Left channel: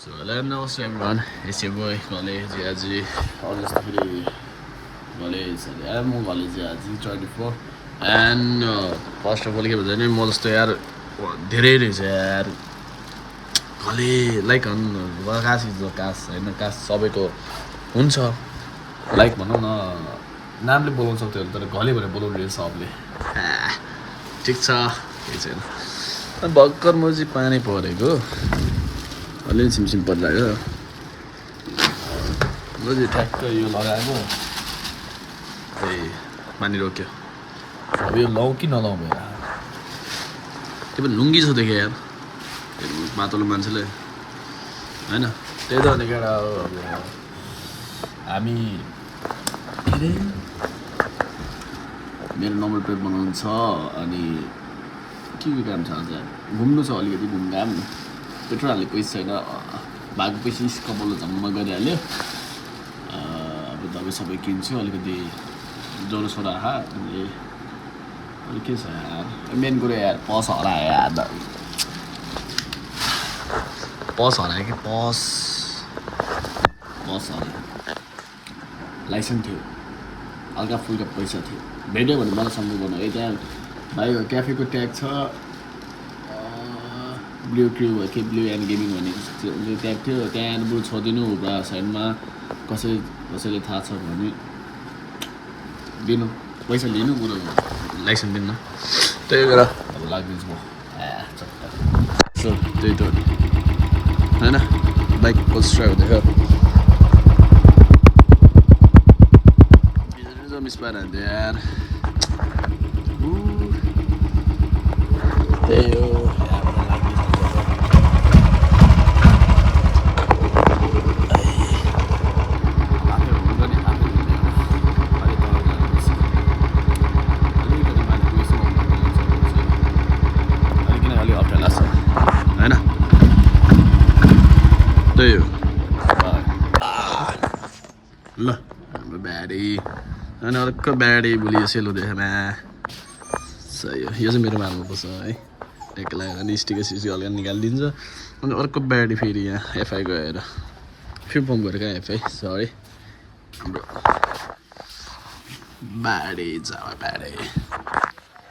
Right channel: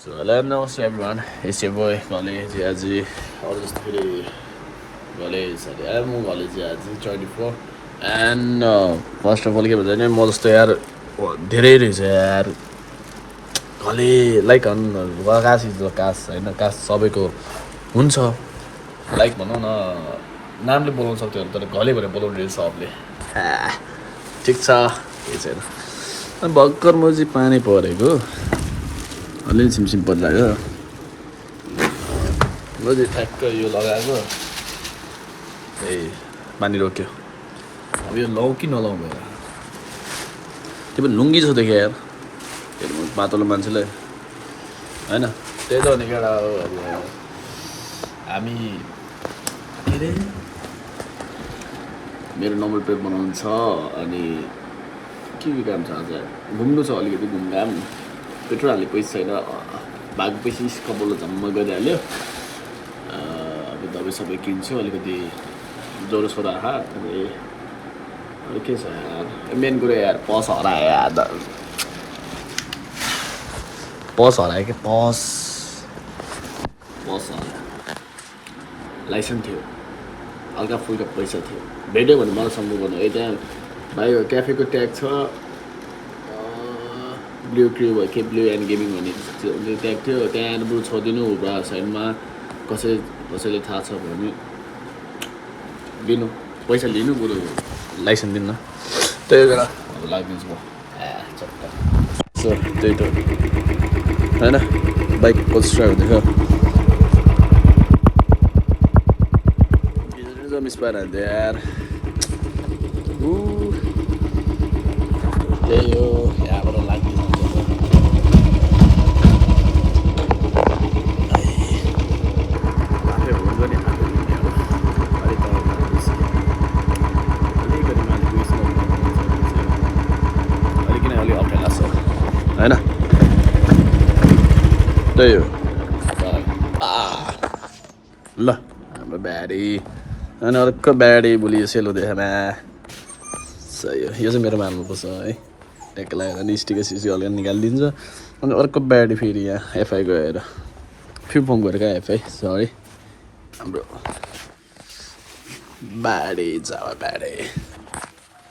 So hello, namaste everyone. It's your boy College Aji. और जस्तो फेरि कलेज म कलेज आज 24 एन्ड फर्स्ट अफ अल के भन्छ नि म जस्तो यार धेरै रहेछ यार घले लाइक कास इज कास होइन कास सबैको हुन्छ लाइक भनौँ न नामले बोलाउन सक्थ्यो तर घले भनेर बोलाउनु रहेछ सबले ठिक छ केही छैन भर्खर म चाहिँ पानी परेको अलिअलि सिमसिम परिरहेको म चाहिँ ठ्याक्क यो लगाएको त्यही पानी रोक्यो अब यो लाउँ कि नलाउँ भयो त्यो पनि लुङ्गी छ देखेँ यार त्यो पातलो मान्छेले होइन त्यही त अनि केटा अब हामी मेरो नम्बर प्लेट बनाउनु छ अनि के काम छ आज घुम्नु छ अलिकति घुमघाम पेट्रोल हाल्ने पैसा छैन भएको पैसा स्कबल जम्मा गरिहाल्यो अब दबाई सबै किन्छु अलिकति ज्वरो सोरो के छ यार मेन कुरो यार पस हरायो यार पस हरायो कि पस हरायो लाइसेन्स थियो हल्का फुल्का पैसा थियो भेट्यो भने मलाई सम्भव गर्नु है त्यहाँ भाइ क्याफेको ट्याग छ ब्लू क्रू भयो के ब्लू एन्ड गेमिङ भन्ने ट्याग थियो त्यहाँ बरु छोडिदिनु साइडमा कसैले थाहा छ भने दिनु पैसा लिनु बरु लाइसेन्स दिनु त्यही भएर अब लागिदिन्छु म चट्टा सो त्यही त होइन बाइक कसरी हुँदैछ मिस पाएर यार त्यही हो यहाँबाट होइन त्यही हो ल हाम्रो ब्याडी अनि अर्को ब्याडी भोलि सेल हुँदैछ सही हो यो चाहिँ मेरो मान्नुपर्छ है ट्याक्क लगाएर अनि स्टिकर सिसी हल्का निकालिदिन्छ अनि अर्को ब्याडी फेरि यहाँ एफआई गएर फेरि फोन गरेर कहाँ एफआई सरी हाम्रो ब्याडी जावा ब्याडी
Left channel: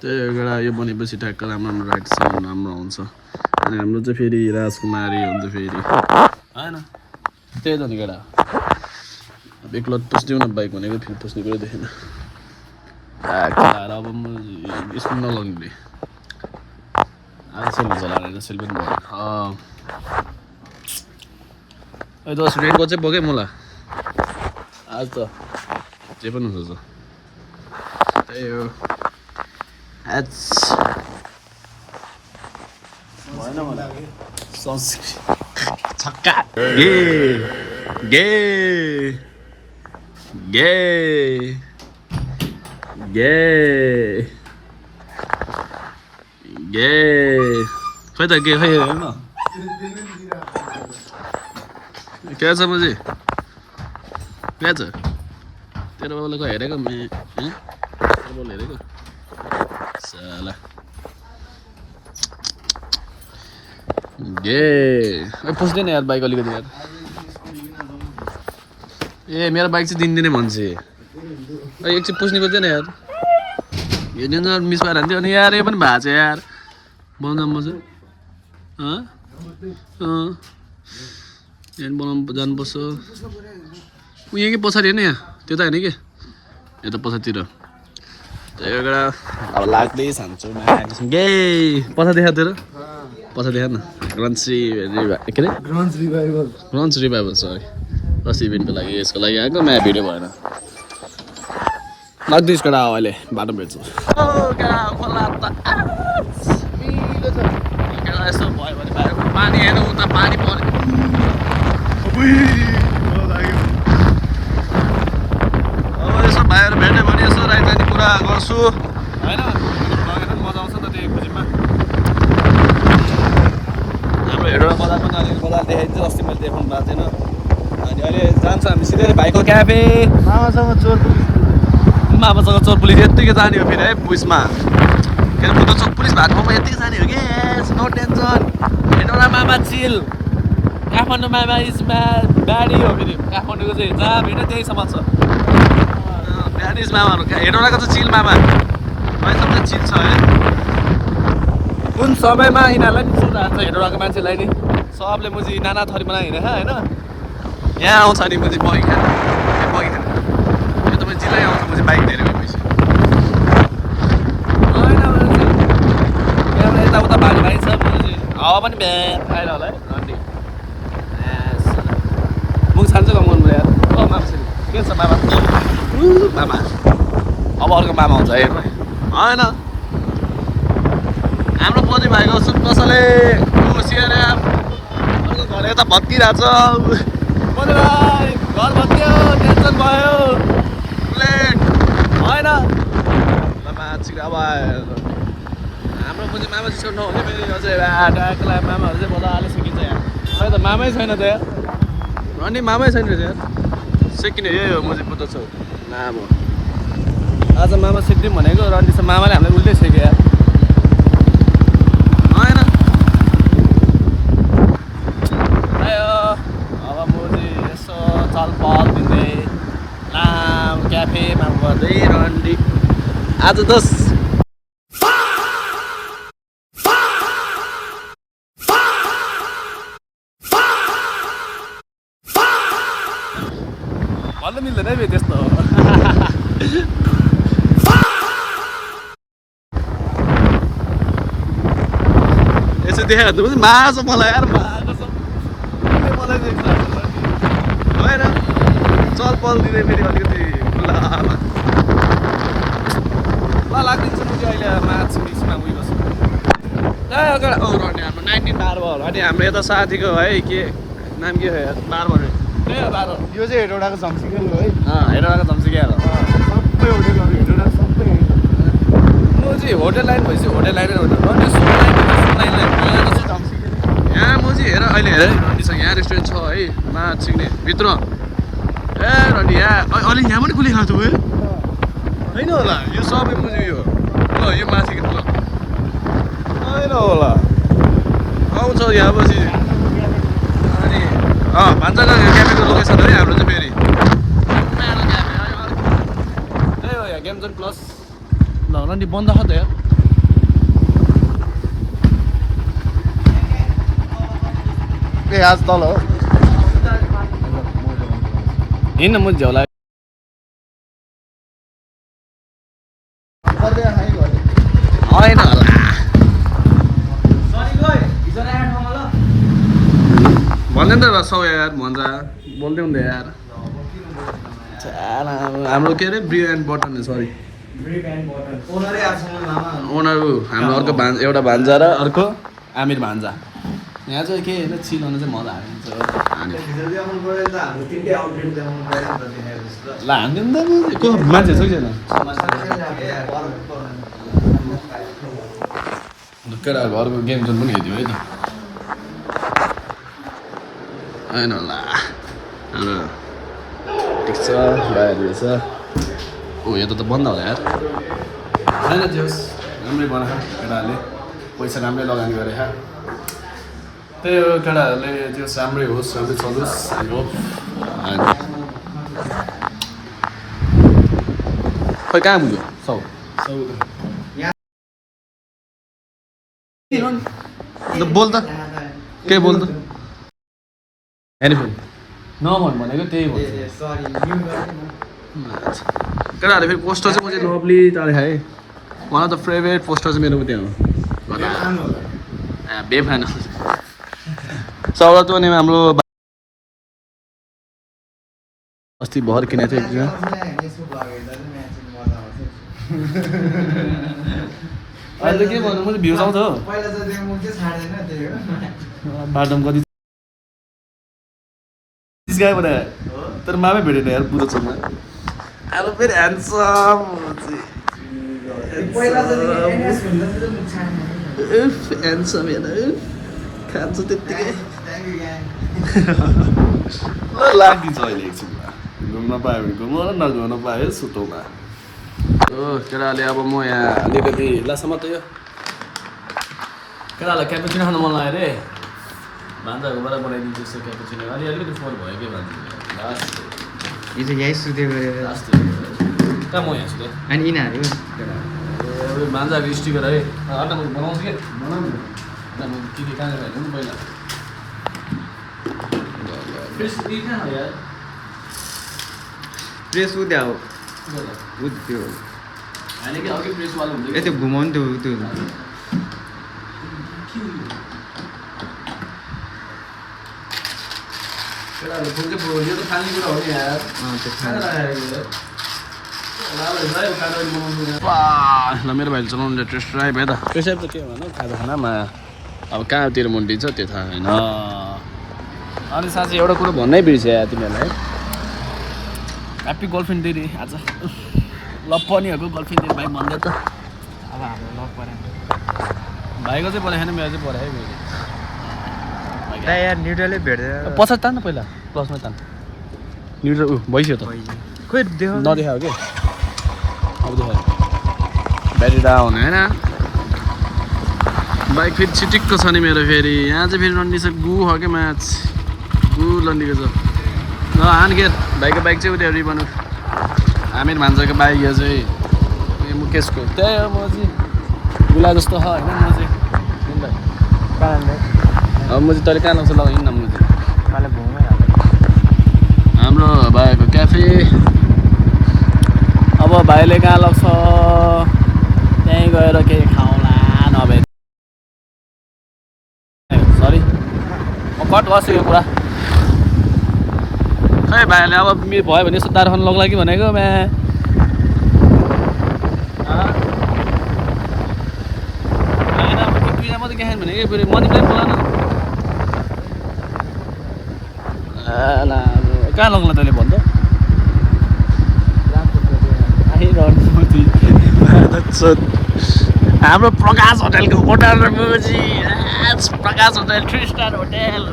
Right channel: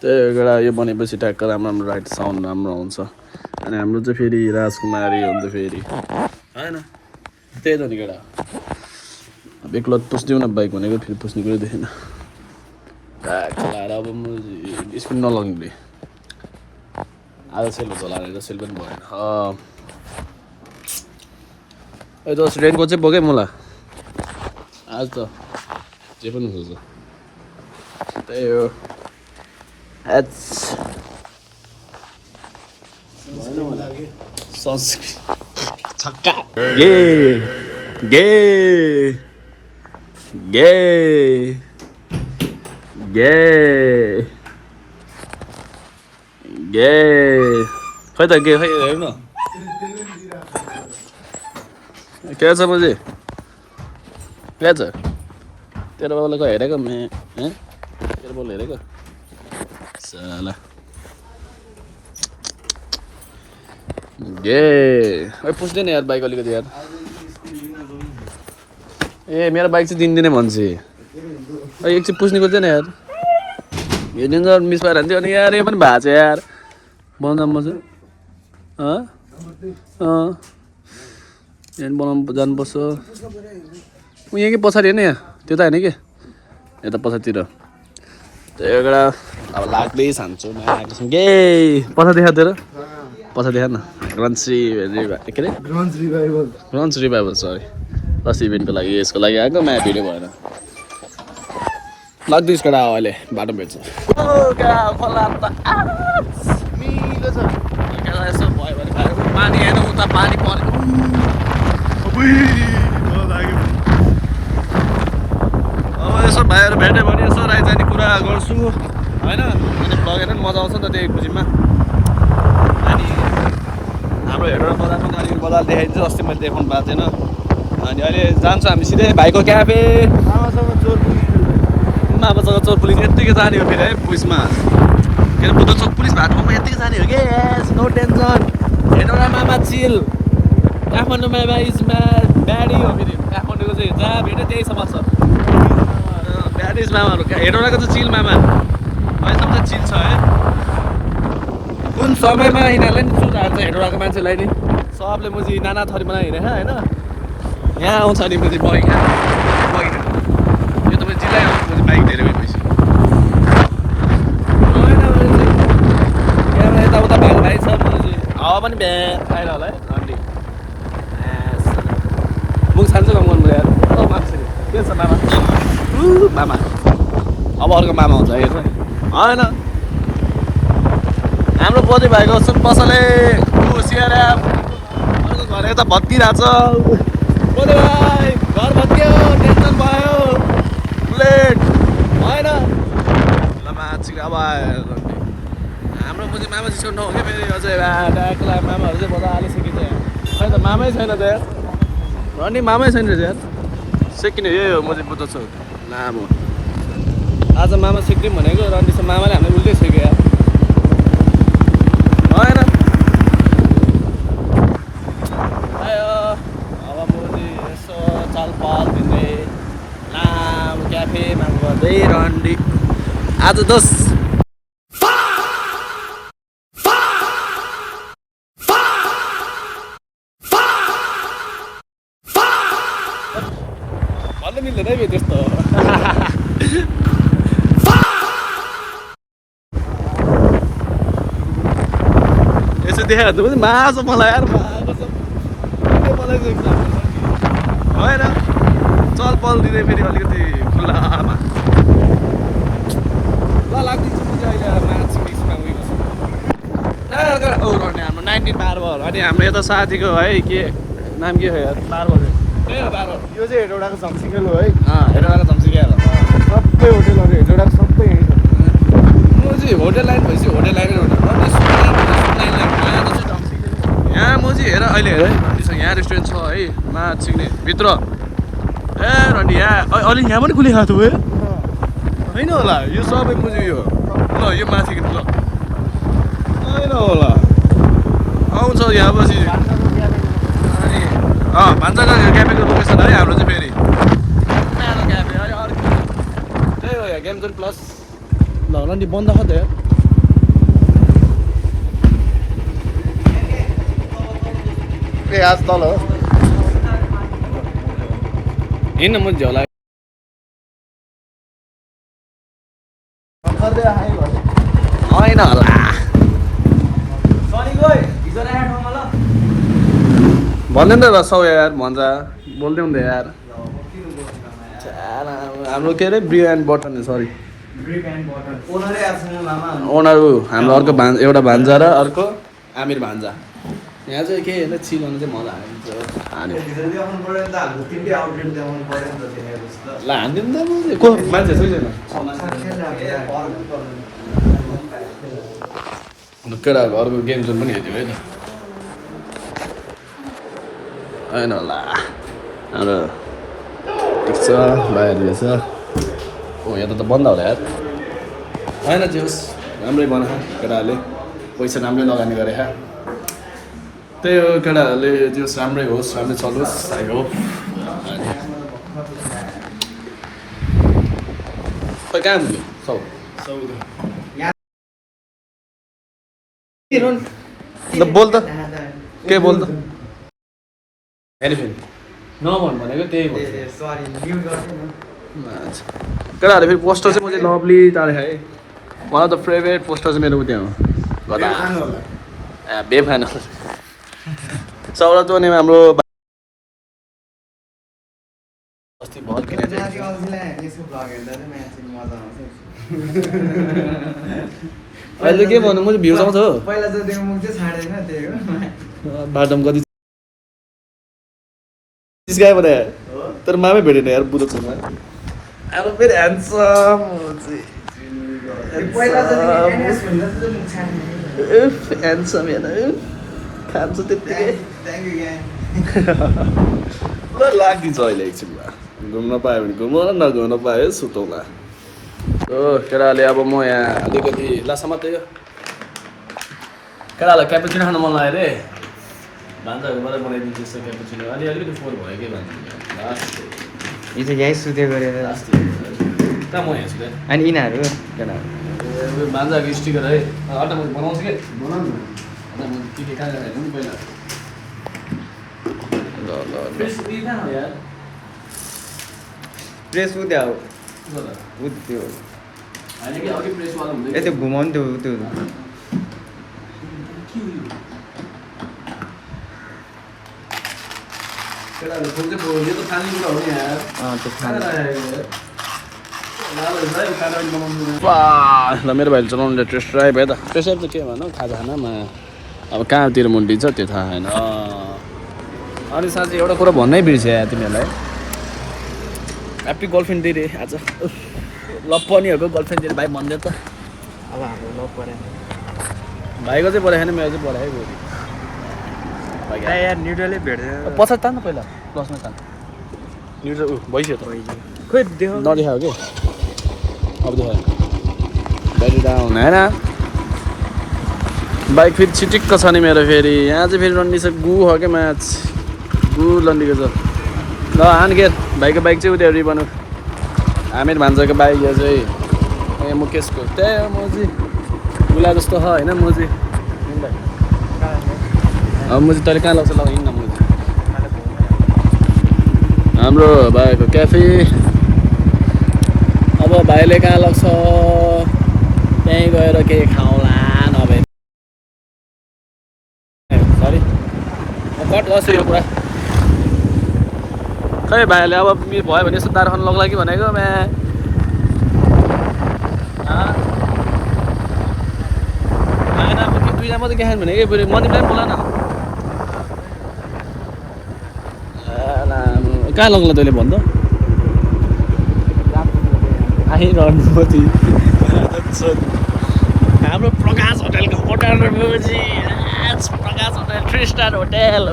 त्यही एउटा यो बनेपछि ट्याक्क राम्रो राइट साउन्ड राम्रो आउँछ अनि हाम्रो चाहिँ फेरि राजकुमारी हुन्छ फेरि होइन त्यही त नि केटा बेक्लत पुस्दिउँ न बाइक भनेको फेरि पुस्ने कुरो देखिन खेलाएर अब म स्कुल नलाउने आज सेल हुन्छ लागेको सेल पनि भएन अहिले त रेन्टको चाहिँ बोकेँ मलाई आज त जे पनि हुन्छ त्यही हो छक्का खै त गे खै हेर्न के छ मजे क्या छ तेरो बाबालाई खै हेरेको बोल हेरेको साला गे पुस्दैन यार बाइक अलिकति यार ए मेरो बाइक चाहिँ दिनदिनै भन्छ एकछिन पुस्ने खोज्दैन यार हेर्नु त मिस पाएर हान्थ्यो अनि यार यो पनि भएको छ यार बनाउनु चाहिँ यहाँ बनाउनु जानुपर्छ ऊ यहीँ कि पछाडि होइन यहाँ त्यो त होइन कि यता पछाडितिर त्यो एउटा अब लाग्दै खान्छु गे पछाडि देखा तेरो पछाडि देखा न ग्रन्च रिभाइभल सरी फर्स्ट इभेन्टको लागि यसको लागि आएको म्याप भिडियो भएन लाग्दै यसको अहिले बाटो भेट्छ पानी हेर्न उता पानी पर्यो अब यसो भाइहरू भेट्यो भने यसो राइट जाने कुरा गर्छु होइन लगेर मजा आउँछ नि त त्यो खुसीमा हाम्रो हेडर बजार पनि अलिकति बजार देखाइदिन्छ अस्ति मैले देखाउनु पाएको थिएन अनि अहिले जान्छ हामी सिधै भाइको क्याफे मामासँग चोर पुलिस यत्तिकै जाने हो फेरि है पुलिसमा किन बुद्ध चोक पुलिस भएको ठाउँमा यत्तिकै जाने हो कि नो टेन्सन हेर्नु न मामा चिल काठमाडौँ मामा इज ब्याडी हो फेरि काठमाडौँको चाहिँ जहाँ भेट्यो त्यही समाज छ ब्याडी इज मामाहरू हेटौँडाको चाहिँ चिल मामा अहिलेसम्म चाहिँ चिल छ है कुन समयमा यिनीहरूलाई नि सुन्नु हान्छ हेटौँडाको मान्छेलाई नि सबले मुजी नाना थरी बनाइ हिँडे होइन यहाँ आउँछ नि मुजी मैना यो त मैले जिल्लै आउँछु मुजी बाइक धेरै भएपछि यताउता भाइ भाइ छ मुजी हावा पनि बिहान खाएर होला मुख छान्छु काम गर्नु यार मान्छे के छ मामा मामा अब अर्को मामा हुन्छ है होइन हाम्रो पोजी भाइको सुन पसले सिएर घर यता भत्किरहेछ पोजी भाइ घर भत्कियो टेन्सन भयो बुलेट होइन मान्छे अब हाम्रो पोजी मामा जस्तो नहुने पनि अझै मामाहरू चाहिँ मजाले सकिन्छ यहाँ त मामै छैन त यार रन्डी मामै छैन रहेछ यार सेकिने यही हो म चाहिँ बुझ्दछु लामो आज मामा सिक्दिउँ भनेको रन्डीसँग मामाले हामीलाई उल्टै सिक्यो यार होइन आयो अब म चाहिँ यसो चलपल दिँदै लामो क्याफेमा गर्दै रन्डी आज 10 भन्न मिल्दैन है त्यस्तो यसो देखाइहाल्नु पनि माछ मलाई यार होइन चल पल दिने फेरि अलिकति ल लाग्दिन्छ अहिले माछ मिक्समा उयो गर्छु औ रन्ने हाम्रो 19 बार भयो अनि हाम्रो यता साथीको है के नाम के हो यार बार भयो त्यही हो बार यो चाहिँ हेटौँडाको झम्सिकेल हो है हेटौँडाको झम्सिकेल सबै होटेलहरू हेटौँडाको सबै यही छ म चाहिँ होटेल लाइन भएपछि होटेल लाइनै गर्नु यहाँ म चाहिँ हेर अहिले हेर रन्डीसँग यहाँ रेस्टुरेन्ट छ है माछ सिक्ने भित्र ए रन्डी यहाँ अहिले यहाँ पनि खुली खाएको भयो होइन होला यो सबै म चाहिँ यो ल यो माथि ल होइन होला आउँछ यहाँ पछि अनि भान्साघर क्याफेको लोकेसन है हाम्रो चाहिँ फेरि त्यही हो गेम जोन प्लस ल रन्डी बन्द छ त यार ए आज तल हो हिँड्न म झ्याउला होइन होला भन्दैन त सौ यार भन्छ बोल्दै हुँदै यार हाम्रो के अरे Brio and button sorry owner हाम्रो अर्को एउटा भान्जा र अर्को आमिर भान्जा यहाँ चाहिँ के होइन चिलाउनु चाहिँ मजा हाल्छ हाने ल हानिदिनु त को मान्छे छैन केटा घरको गेम जोन पनि हेर्थ्यो है त होइन होला हाम्रो ठिक छ रहेछ ओ यहाँ त बन्द होला यार होइन जे होस् राम्रै बना केटाहरूले पैसा राम्रै लगानी गरे त्यही हो केटाहरूले त्यो राम्रै होस् राम्रै चलोस् आई होप खोइ कहाँ पुग्यो सौ बोल त के बोल त हेर्नु नभन् भनेको त्यही भयो केटाहरूले फेरि पोस्टर चाहिँ म चाहिँ लभली तारे खाएँ one of the favourite poster चाहिँ मेरो त्यहाँ हो बे फ्यान सौरात भने हाम्रो अस्ति भर किनेको थियो अहिले के भन्नु म चाहिँ भ्युज आउँछ हो बाटोमा कति गयो भने तर मामै भेटेन यार बुढो छेउमा आलो फेरि ह्यान्डसम ह्यान्डसम हेर्न खान्छ त्यत्तिकै ल लाग्दिन्छ अहिले एकछिनमा घुम्न पायो भने घुमौँ र नघुम्न पायो सुतौँला हो केटाहरूले अब म यहाँ अलिकति लासम्म त यो केटाहरूलाई क्यापुचिनो खानु मन लाग्यो अरे भान्जाहरूबाट बनाइदिन्छु यस्तो क्यापुचिनो अलिअलि फोहोर भयो कि भान्जा लास्ट हिजो यहीँ सुते गरेर लास्ट कहाँ म यहाँ छु अनि यिनीहरू भान्जाहरू स्टिक गरेर है अन्त म बनाउँछु कि बनाउनु अन्त म के कहाँ गएर नि पहिला फ्रेस कहाँ हो यार प्रेस उद्या हो के गर्दा त्यो होइन कि अर्कै प्रेसवाला हुन्छ ए त्यो घुमाउनु त्यो केटाहरू फुल चाहिँ यो त फाल्ने कुरा हो नि यार त्यो खाना ल मेरो भाइले चलाउनु टेस्ट ड्राइभ है त त्यसै त के भनौँ खाजाखानामा अब कहाँतिर मुन्टिन्छ त्यो थाहा होइन अनि साँच्चै एउटा कुरा भन्नै बिर्सेँ तिमीहरूलाई ह्याप्पी गर्लफ्रेन्ड डे रे आज ल पनिहरूको गर्लफ्रेन्ड डे भाइ भन्दै त अब हाम्रो नपरे भाइको चाहिँ पढाएन मेरो चाहिँ पढायो यार न्युट्रलै भेट्दैन पछाडि तान पहिला बस्न तान न्युट्रल भइसक्यो त खोइ देख नदेखायो कि अब देखायो ब्याट्री डाउन होइन बाइक फेरि छिटिक्क छ नि मेरो फेरि यहाँ चाहिँ फेरि रन्डी छ गु हो क्या म्याच गु लन्डीको छ ल हानखेर भाइको बाइक चाहिँ उयो रिबनु आमिर भान्जाको बाइक यो चाहिँ यहाँ मुकेशको त्यही हो म चाहिँ गुला जस्तो छ होइन म चाहिँ म चाहिँ तैँले कहाँ लाग्छ लगाइन न म चाहिँ हाम्रो भाइको क्याफे अब भाइले कहाँ लाग्छ त्यहीँ गएर केही खाउँला नभए सरी म कट गर्छु यो कुरा खै भाइले अब भयो भने यस्तो दार खान लग्ला कि भनेको म्या मात्रै के खानु भनेको फेरि म चाहिँ कहाँ मलाई न कहाँ लग्ला तैँले भन्नु हाम्रो प्रकाश होटेलको होटल मुजी प्रकाश होटेल 3 स्टार होटेल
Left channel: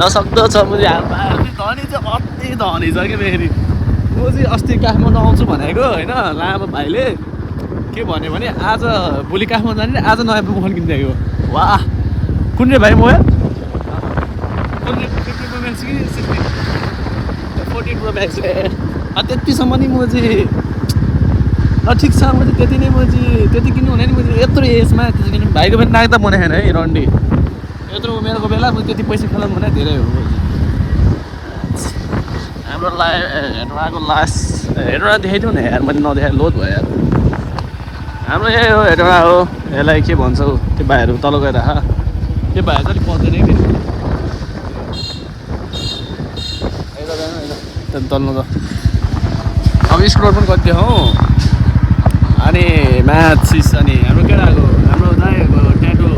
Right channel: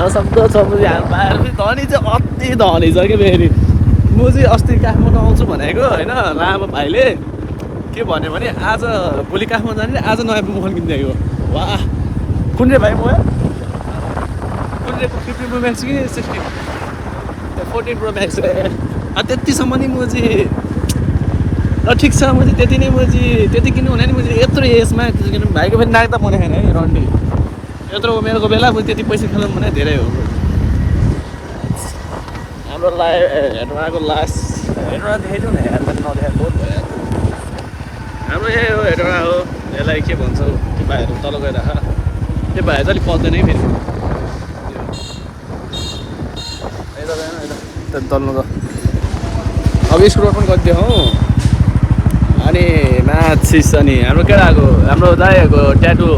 नसक्दो छ मुजी धनी चाहिँ अति धनी छ कि फेरि म चाहिँ अस्ति काठमाडौँ आउँछु भनेको होइन लामा भाइले के भन्यो भने आज भोलि काठमाडौँ जाने आज नयाँ मोबाइल किनिदिएको वाह कुन रे भाइ मोबाइल 15 प्रो म्याक्स कि 16 14 प्रो म्याक्स त्यतिसम्म नि म चाहिँ ल ठिक छ म चाहिँ त्यति नै म चाहिँ त्यति किन्नु हुने नि म चाहिँ यत्रो एजमा त्यति किन्नु भाइको पनि नाक त बनाएन है रन्डी यत्रो मेरोको बेला म त्यति पैसा खेलाउनु भने धेरै हो हाम्रो हेर्नुको लास्ट हेर्नु देखाइदिउँ न यार मैले नदेखाएर लोड भयो यार हाम्रो यही हो हेर्नु हो यसलाई के भन्छ हौ त्यो भाइहरू तल गएर त्यो भाइ चाहिँ अलिक पच्दैन है फेरि तल्नु त अब स्क्रोल पनि गरिदियो हौ अनि म्याथ सिस अनि हाम्रो केटाको हाम्रो दाइहरूको ट्याटु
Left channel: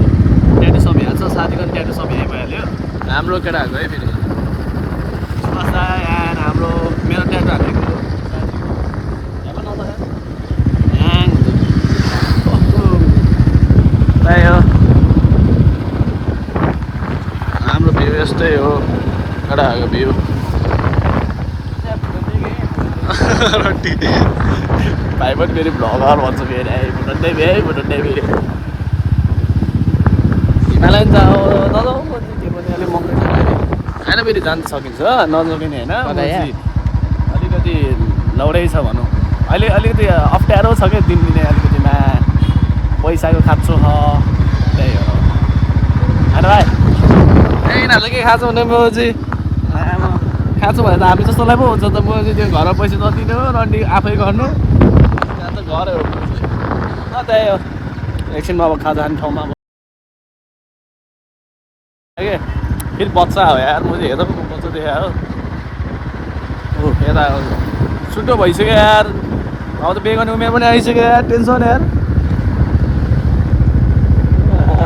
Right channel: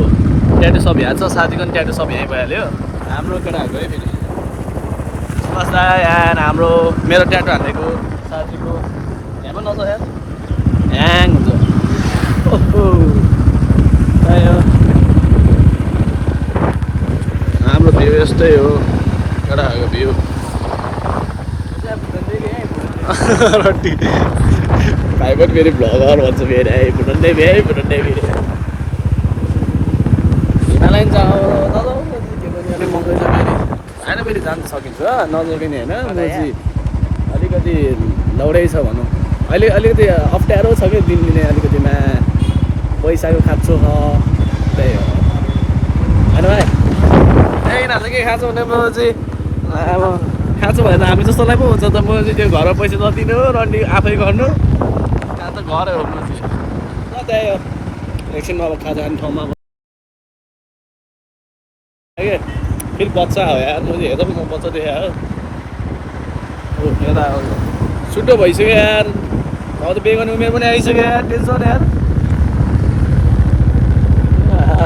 सब यहाँ छ साथीको पनि ट्याटु सब यहीँ भइहाल्यो हाम्रो केटाहरूको है फेरि सुभाष दाई एन्ड हाम्रो मेरो ट्याटु हालेको साथीको यहाँ पनि नछ यार ह्याङ हुन्छ त्यही हो हाम्रो भ्यू यस्तै हो केटाहरूको भ्यू रड्डी भाइ पनि फेरि भ्लगर भन्छ फेरि है भुटन्डे फेरि हिमालयन जाऊ दादा त्यो पनि अलिक महँगो होइन फेरि जान सकिन्छ नजकिने होइन म चाहिँ अलिकति लौडै छ भनौँ अहिले अलिकति अप्ठ्यारो छ क्या दिने अलिकतिमा पैसाको खाँचो छ त्यही हो होइन भाइ त्यही यिनीहरूले के खाँचो भने म चाहिँ अब खाँचो भयो त हामी जस्तोलाई पो हुन्छ त म चाहिँ त्यो घरमा पैसा नदिनु रन्डी आफै गर्नु त्यही हो एकछिनमा अब खाजा खाने ठाउँमा अब के फेरि बच्चा हो यार म चाहिँ हेर्दा पो म बच्चा देखाएँ हो यता छुट्टो भइसक्यो यार अब त बिहे गर्ने उमेर पनि आइसक्यो यार टेन्सन यार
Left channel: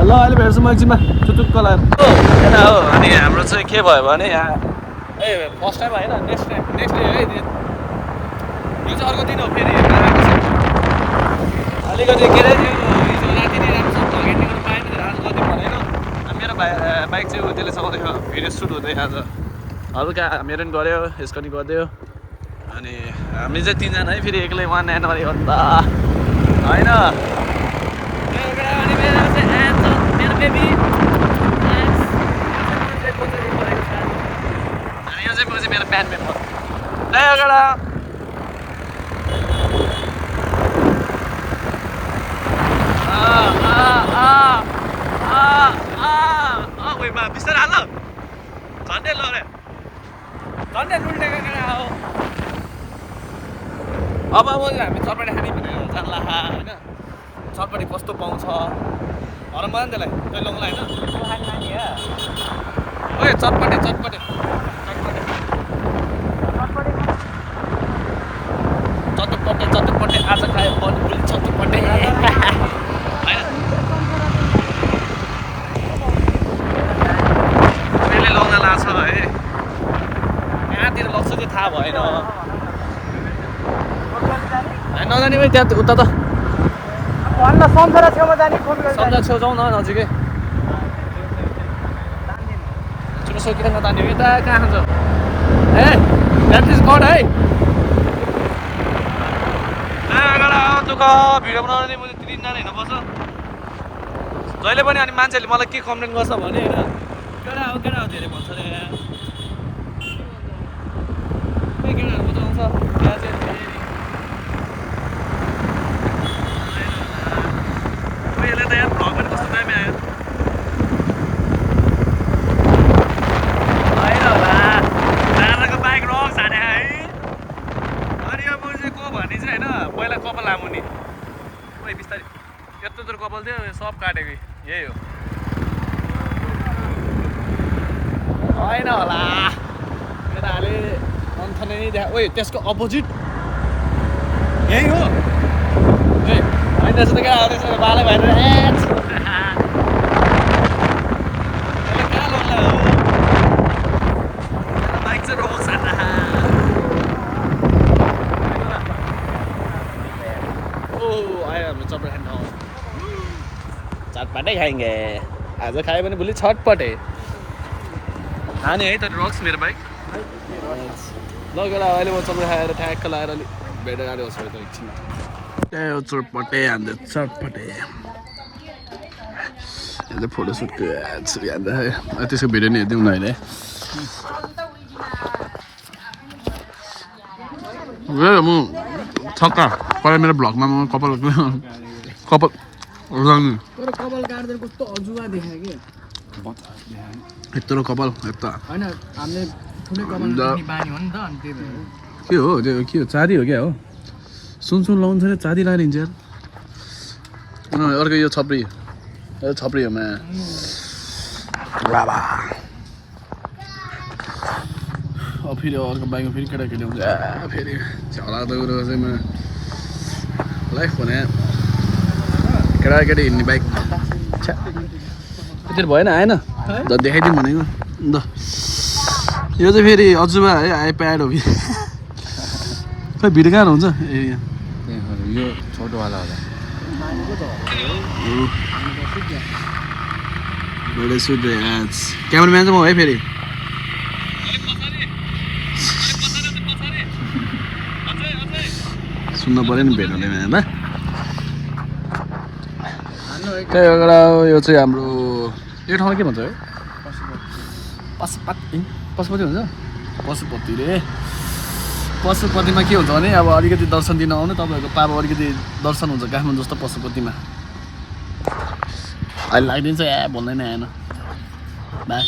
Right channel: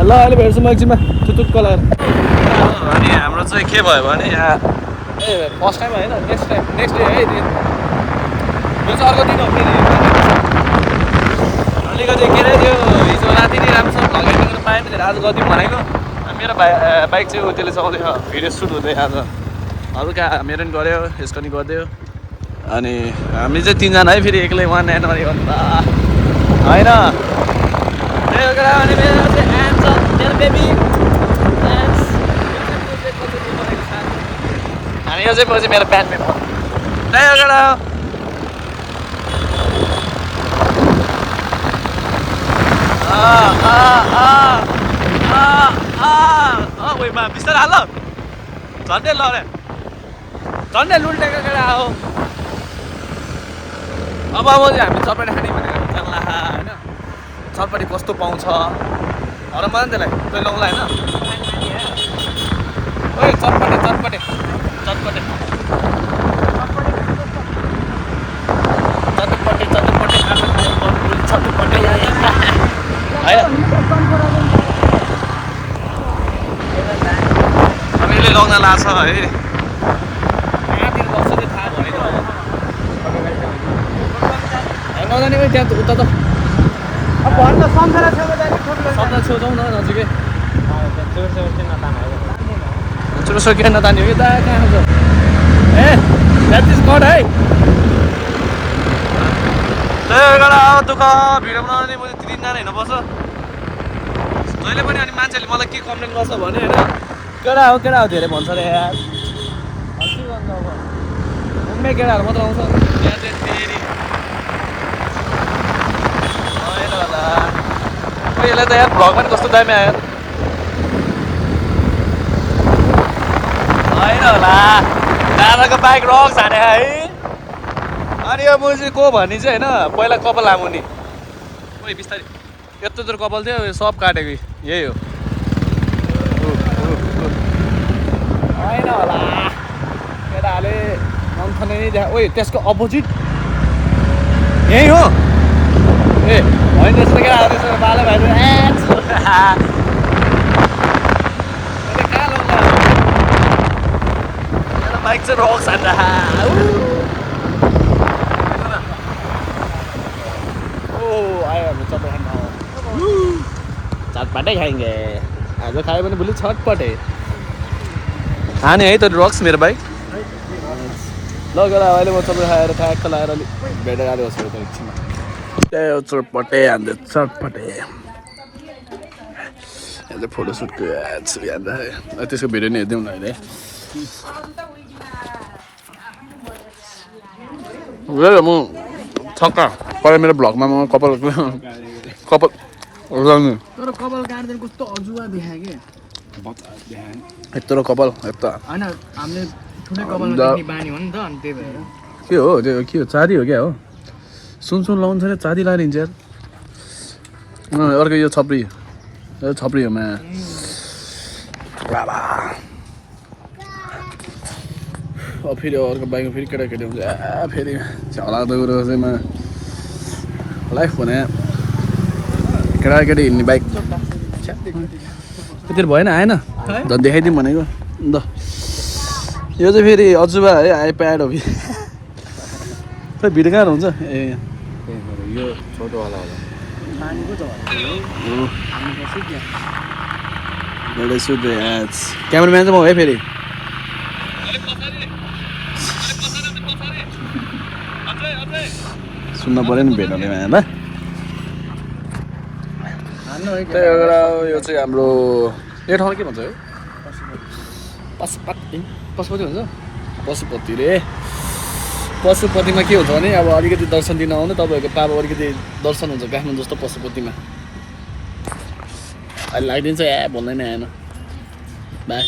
ल अहिले भेट्छु म एकछिनमा छुटुक्क लागेर हो अनि हाम्रो चाहिँ के भयो भने यहाँ ए फर्स्ट टाइम होइन नेक्स्ट डे है यो चाहिँ अर्को दिन हो फेरि अलिकति के अरे त्यो हिजो राति नै राम्रोसँग भ्लगिङ गर्नु पाएन थियो आज गरिदिउँ भनेको मेरो बाइक चाहिँ त्यसले चलाउँदै भिडियो सुट हुँदै आज हल्का मेरो पनि गऱ्यो यसको नि गरिदियो अनि हामी चाहिँ 3जना है फेरि एक्लै वान एन्ड अन्त होइन अनि मेरो चाहिँ एन्ड छ मेरो बेबी अनि यो चाहिँ म चाहिँ मेरो ब्यान्ड मेम्बर उयोमा बिस्तारै हाल झन्डै ल रे झन्डै लुल्टेको केटा हो अब चाहिँ हामी चटपटी खाने भनेर जान्ला होइन चटपटी कस्तो पाउँछ र मलाई त्यसलाई तै लौला होइन ओए चटपटे चटपटे चटपटे चटपटे चटपटे आज खायो भोलि चटपटे है यसले लग्न लाग्छ है कहाँतिर लग्छ चाहिँ थाहा भएन नजाने भाइ त्यहाँ उता त अब भन्न सम्झेर छेउमा जाने सम्झा छेउ जाउँ न नजिकै चुरोसो किन नतान्यो कि दा कहाँ छ ए द्याट इज गड है दुःख भिडियो बनाउने मैले तिनजना होइन बस्छ जहिले पनि अनि मान्छेले मलाई के कम्प्लेन गर्छ भने होइन केटा हो धेरै भन्छ अरे यार के गर्छ अब उम्मे केटाहरू मात्र आउँछ फेरि होइन होला यसलाई त यार भ्लग पनि कस्तो दामी आयो होइन होला दादाको बाइक रक्स हाने है अनि यो मुजी को भन्ने चाहिँ होइन पहिला कपाल लामो नि ओइ बिस्तारै यत्रो जोर कपाल थियो सब काटेको यही हो होइन होला केटाहरूले नन्थने नै देखा ओइ त्यसको अपोजिट यही हो ए होइन त्यसो त केटाहरू त्यसो बाले भाइ कहाँ लग्ला बाइक चाहिँ रक्स हान्छ आयो हाम्रो चटपट खान चटपटै खाएँगे आज खायो भने भोलि छटपटे खाने है त रक्स मेरो बाइक लगेर अहिले म चटपट खाएर ठ्याक्क लगाएर अलिक भेटेर आएको छ त एकछिनमा त्यही हो चटपटे हान्छ चटपटे यहाँ चाहिँ फोटोसुटको त्यसको भिडियो नि हेरिदिउँ न अहिले म छक्का पहिला मेरो भ्लगमा म कपाल लगाउनु यत्रो कपाल यता के हो त्यो के हो चाँदी हो क्या हो सुन लाउँछ अरे चाँदी लगाएर हिँड्छ यार अर्को यो छप्री हो मा फेरि अर्को बाइकमा फेरि केटाकेटी हुन्छ फेरि लाग्दो कुरो चाहिँ म लाइफ भने केटाकेटी हिँड्ने बाइक त्यति भएन आएन देखाइदिउँ भनेको अन्त यो चाहिँ फेरि अजुबा है आइप्याड हो कि खै भिडियो कहाँ हुन्छ ए यो छोटोवाला क्यामराम्यान चाहिँ म है फेरि सुन्न पऱ्यो नि भेटाउने मायामा त्यही एउटा यो चाहिँ हाम्रो यो ठाउँमा के भन्छ है पशुपति हुन्छ पशुपति रे पशुपतिमा के हुन्छ भने अब अलिकति दर्शन दिन आउनु तपाईँहरूको पापा अलिकति दर्शन हुन्छ काठमाडौँ जस्तो पशुपतिमा अहिले लगाइदिन्छ भन्दैन आएन बाई